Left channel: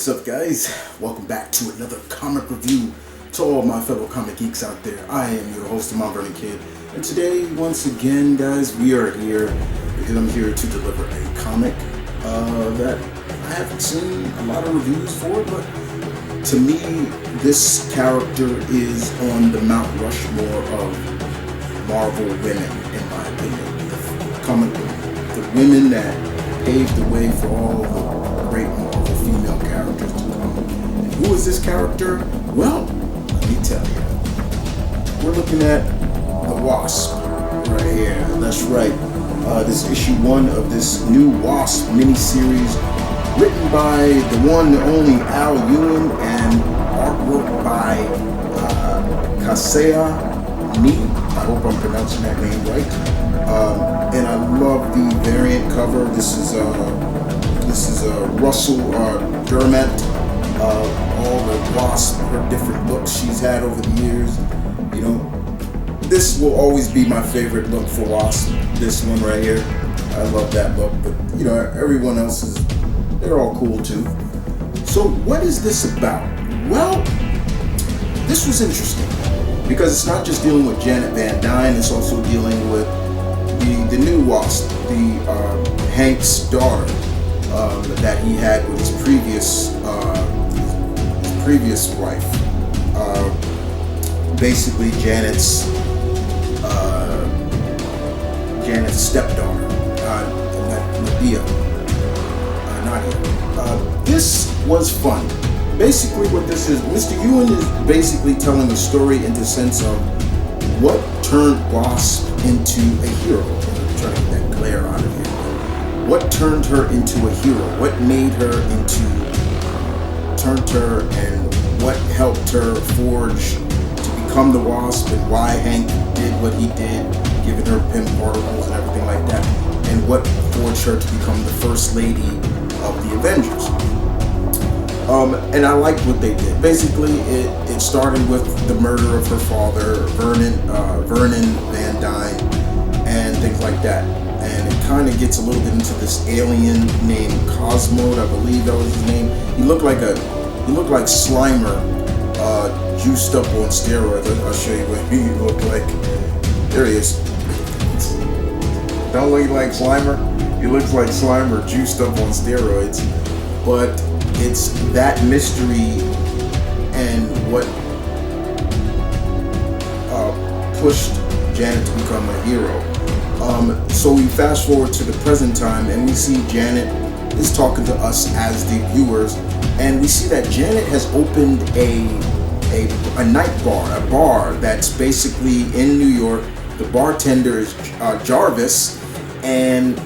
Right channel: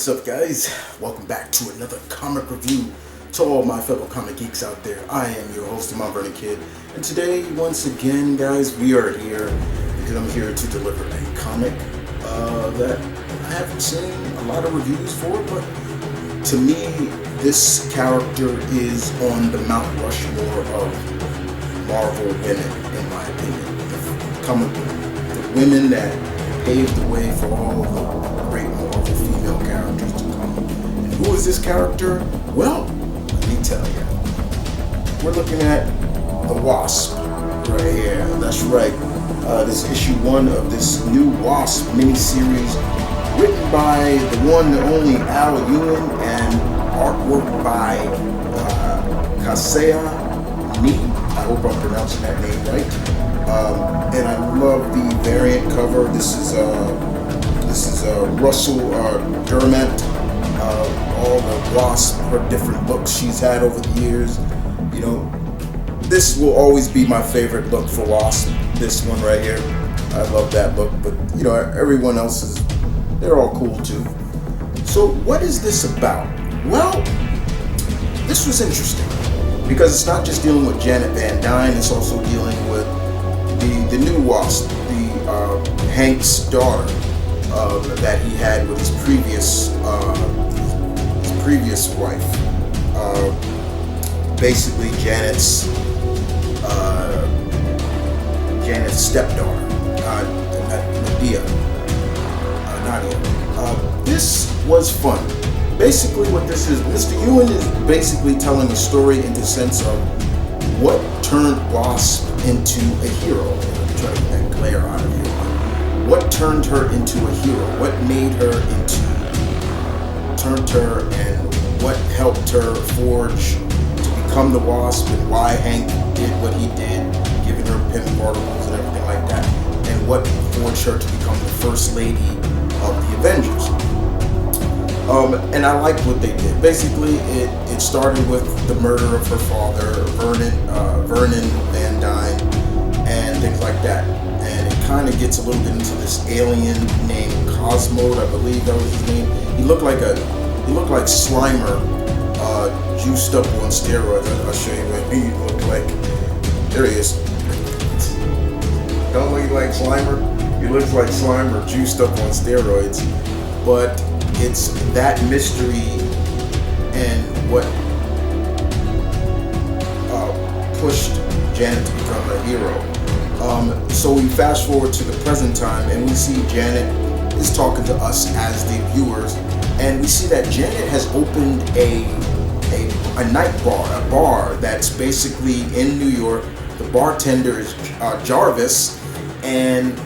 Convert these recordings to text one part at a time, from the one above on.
What's up, guys? Welcome back to another comic review. To all my fellow comic geeks out there, I am your host, TheMtVernonKid, and today, once again, guys, we are here because I'm here to deliver a comic that I haven't seen a lot of reviews for, but to me, this character is on the Mount Rushmore of Marvel women, in my opinion. The women that paved the way for all the great Marvel female characters to come. And who is this character? Well, let me tell you. We're looking at the Wasp right here. That's right. This issue 1 of this new Wasp miniseries, written by the one and only Al Ewing and artwork by Kasea Ni. I hope I'm pronouncing that name right. And I love the variant cover. This is Russell Dermott. All the Wasp, her different looks she's had over the years. You know, this will always be my favorite look for Wasp. This one right here, I love that look. But you know, everyone else they're all cool too. So what is this about? Well, this was interesting because it's not just dealing with Janet Van Dyne. It's also dealing with the new Wasp, the Hank's daughter. That he had with his previous wife, basically Janet's stepdaughter, Nadia. This was fun. Basically, what this is, Mr. Ewing is basically telling a story in the sense of what turned Wasp into a hero. I'm trying to get that glare out of here, but what turned her into a hero? What turned her and what helped her forge to become the Wasp, and why Hank did what he did, giving her PIM particles and everything like that, and what forged her to become the first lady of the Avengers. And I liked what they did. Basically, it started with the murder of her father, Vernon Van Dyne, and things like that. And it kind of gets a little bit into this alien named Cosmo, I believe that was his name. He looked like Slimer, juiced up on steroids. I'll show you what he looked like. There he is. Don't look like Slimer? He looks like Slimer, juiced up on steroids. But it's that mystery and what pushed Janet to become a hero. So we fast forward to the present time, and we see Janet is talking to us as the viewers, and we see that Janet has opened a night bar, a bar that's basically in New York. The bartender is Jarvis, and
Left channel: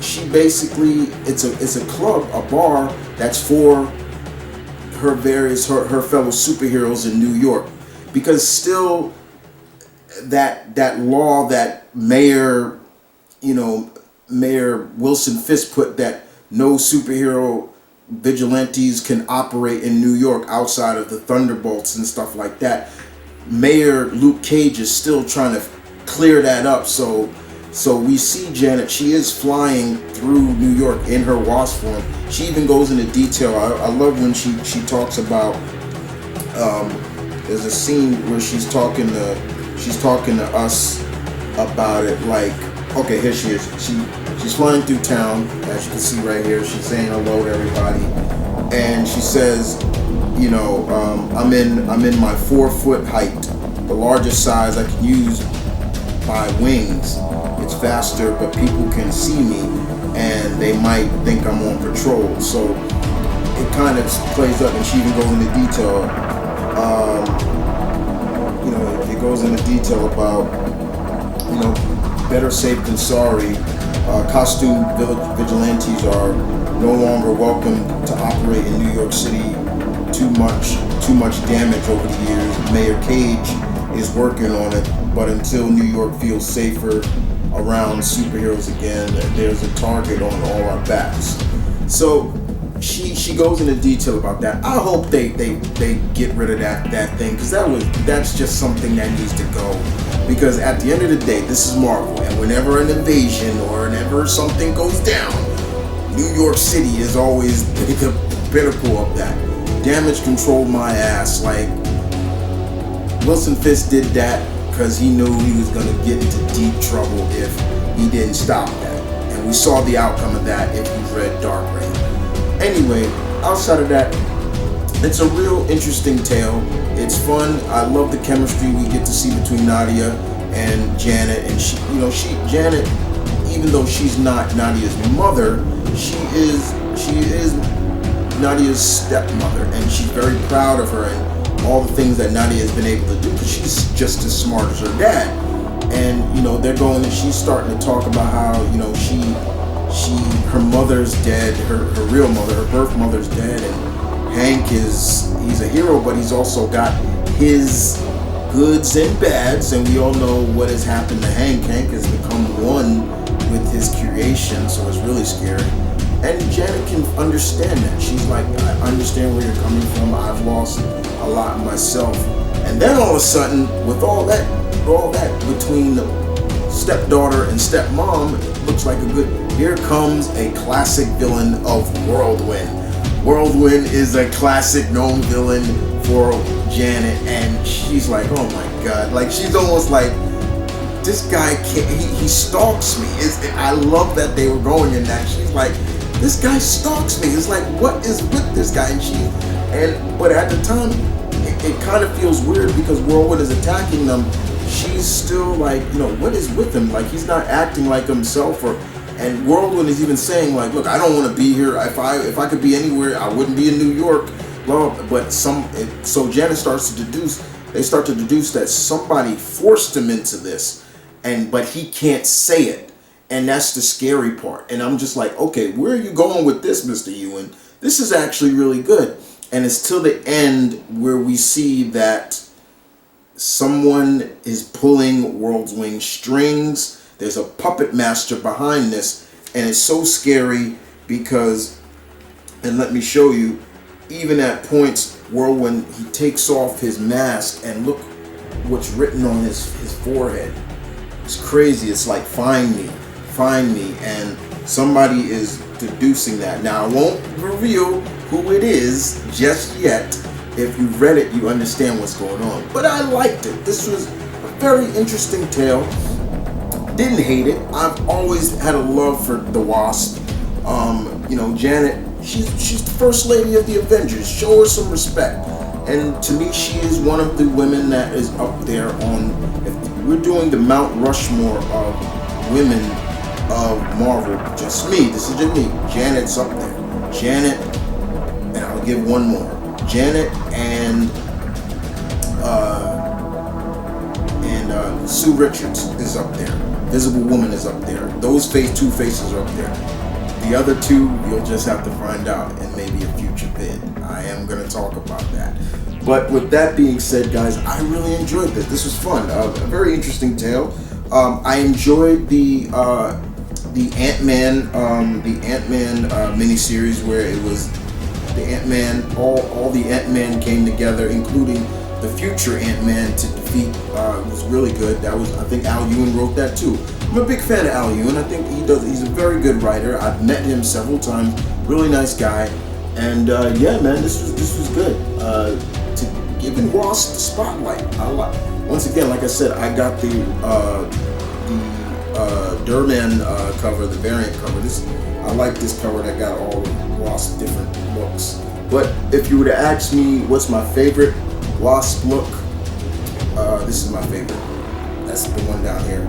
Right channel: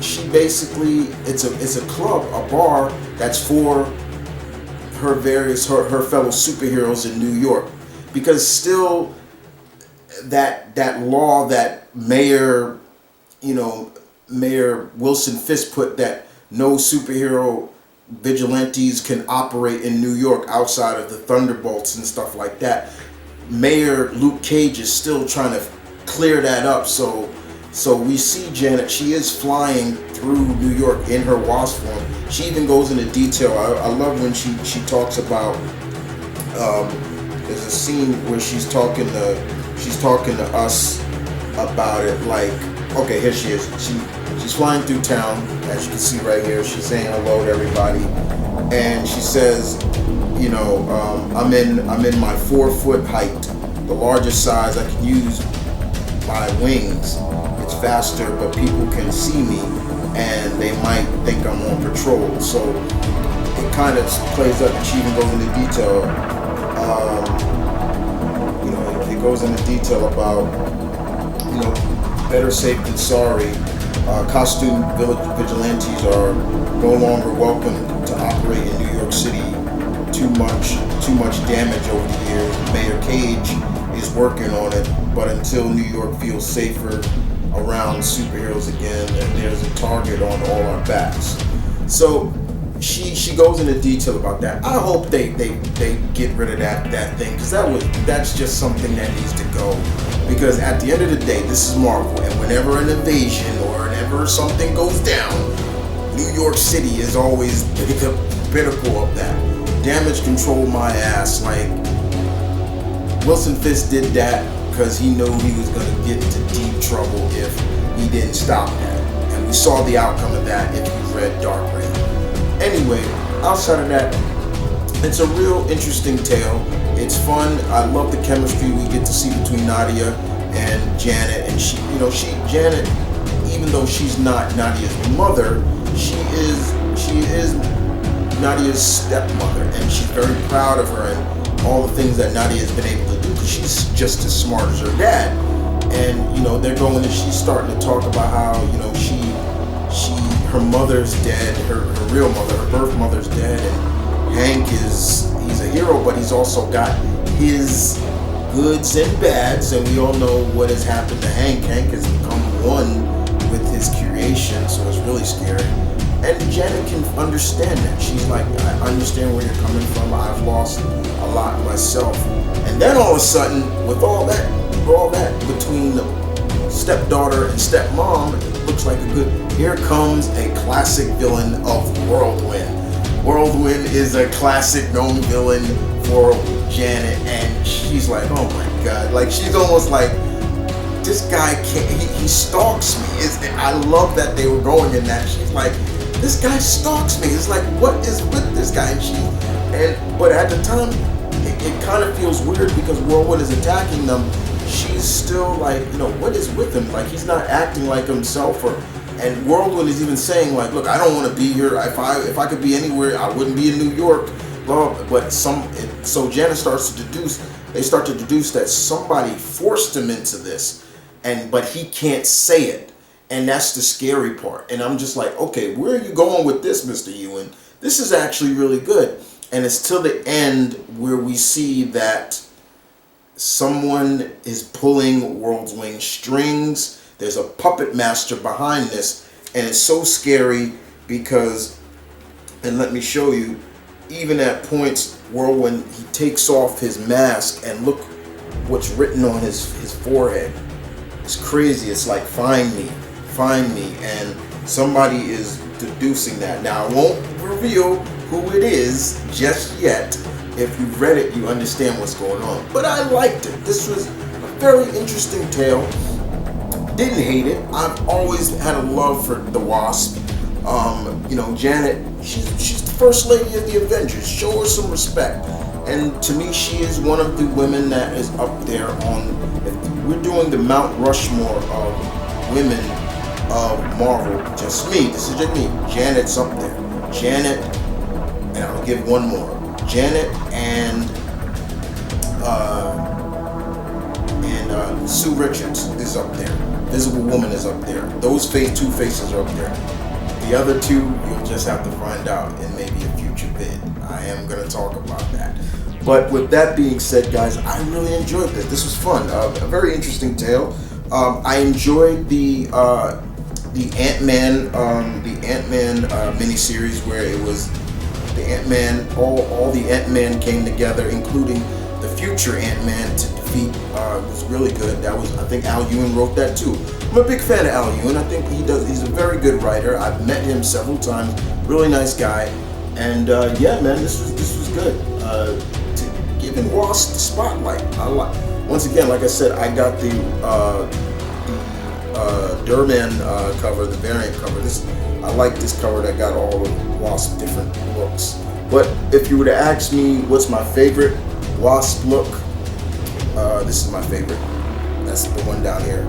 she basically it's a club, a bar that's for her fellow superheroes in New York, because still that law that Mayor Wilson Fisk put, that no superhero vigilantes can operate in New York outside of the Thunderbolts and stuff like that. Mayor Luke Cage is still trying to clear that up. So we see Janet. She is flying through New York in her Wasp form. She even goes into detail. I love when she talks about. There's a scene where she's talking to us about it, like, okay, here she is. She's flying through town, as you can see right here. She's saying hello to everybody, and she says, I'm in my 4-foot height, the largest size I can use by wings. It's faster, but people can see me, and they might think I'm on patrol. So it kind of plays up, and she even goes into detail. It goes into detail about, better safe than sorry. Costume vigilantes are no longer welcome to operate in New York City. Too much damage over the years. Mayor Cage is working on it, but until New York feels safer around superheroes again, there's a target on all our backs. So she goes into detail about that. I hope they get rid of that thing, because that's just something that needs to go. Because at the end of the day, this is Marvel, and whenever an invasion or whenever something goes down, New York City is always the pinnacle of that. Damage control my ass. Like, Wilson Fisk did that because he knew he was going to get into deep trouble if he didn't stop that. And we saw the outcome of that if you read Dark Reign. Anyway, outside of that, it's a real interesting tale. It's fun. I love the chemistry we get to see between Nadia and Janet. And Janet, even though she's not Nadia's mother, she is Nadia's stepmother, and she's very proud of her and all the things that Nadia has been able to do because she's just as smart as her dad. And they're going and she's starting to talk about how her mother's dead, her real mother, her birth mother's dead, and Hank he's a hero, but he's also got his goods and bads, and we all know what has happened to Hank. Hank has become one with his creation, so it's really scary. And Janet can understand that. She's like, I understand where you're coming from. I've lost a lot myself. And then all of a sudden, with all that between the stepdaughter and stepmom, it looks like here comes a classic villain of Whirlwind. Whirlwind is a classic known villain for Janet, and she's like, oh my God. Like, she's almost like, this guy can't, he stalks me. I love that they were going in that. She's like, this guy stalks me. It's like, what is with this guy? But at the time, it kind of feels weird because Whirlwind is attacking them. She's still like, what is with him? Like, he's not acting like himself. And Whirlwind is even saying, like, look, I don't want to be here. If I could be anywhere, I wouldn't be in New York. But so Janet starts to deduce. They start to deduce that somebody forced him into this, but he can't say it. And that's the scary part. And I'm just like, okay, where are you going with this, Mr. Ewan? This is actually really good. And it's till the end where we see that someone is pulling Whirlwind strings. There's a puppet master behind this. And it's so scary because, and let me show you, even at points, Whirlwind, he takes off his mask and look what's written on his forehead. It's crazy. It's like, find me, and somebody is deducing that. Now, I won't reveal who it is just yet. If you've read it, you understand what's going on. But I liked it. This was a very interesting tale. Didn't hate it. I've always had a love for the Wasp. Janet, she's the first lady of the Avengers. Show her some respect. And to me, she is one of the women that is up there on, if we're doing the Mount Rushmore of women of Marvel, this is just me. Janet's up there. Janet, and I'll give one more. Janet and Sue Richards is up there. Visible Woman is up there. Those two faces are up there. The other two, you'll just have to find out in maybe a future vid. I am going to talk about that. But with that being said, guys, I really enjoyed this. This was fun. A very interesting tale. I enjoyed the Ant-Man miniseries where it was the Ant-Man, all the Ant-Man came together, including the future Ant-Man to defeat. It was really good. I think Al Ewing wrote that too. I'm a big fan of Al Ewing. I think he's a very good writer. I've met him several times. Really nice guy. And yeah, man, this was good. To giving Wasp the spotlight. Once again, like I said, I got the Durman cover, the variant cover. I like this cover that got all of Wasp different looks. But if you were to ask me what's my favorite Wasp look, this is my favorite. That's the one down here.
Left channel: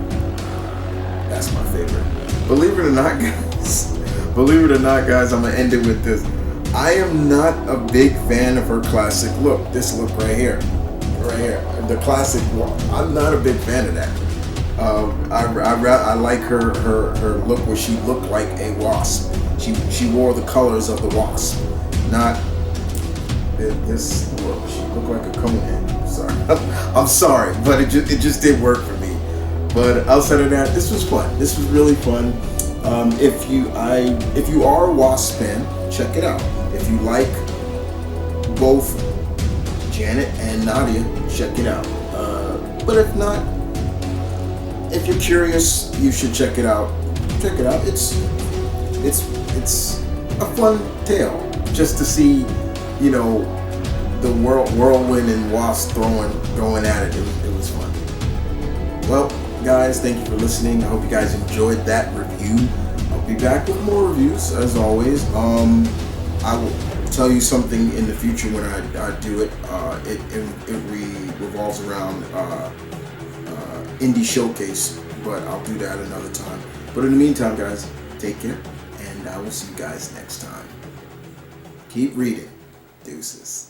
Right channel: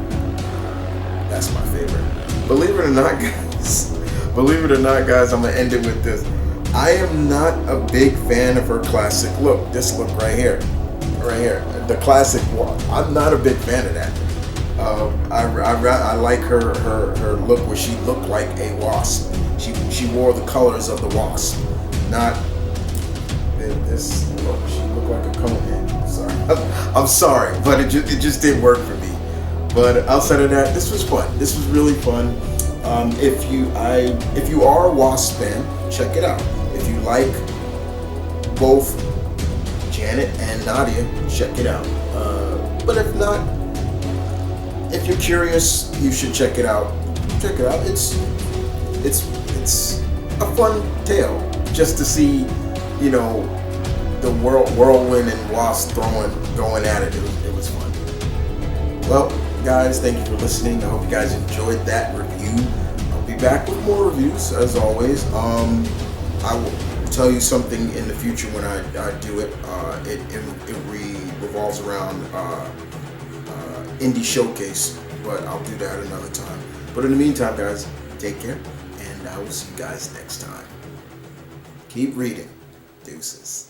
That's my favorite. Believe it or not, guys, I'm gonna end it with this. I am not a big fan of her classic look. This look right here, the classic. I'm not a big fan of that. I like her look where she looked like a wasp. She wore the colors of the wasp, not this look. She looked like a conehead. Sorry, I'm sorry, but it just didn't work for me. But outside of that, this was fun. This was really fun. If you are a Wasp fan, check it out. If you like both Janet and Nadia, check it out. But if not, if you're curious, you should check it out. Check it out. It's it's a fun tale just to see, you know, the whirlwind and Wasp going at it. It was fun. Well, guys, thank you for listening. I hope you guys enjoyed that review. I'll be back with more reviews as always. I will tell you something in the future when I do it. It revolves around indie showcase, but I'll do that another time. But in the meantime, guys, take care, and I will see you guys next time. Keep reading. Deuces.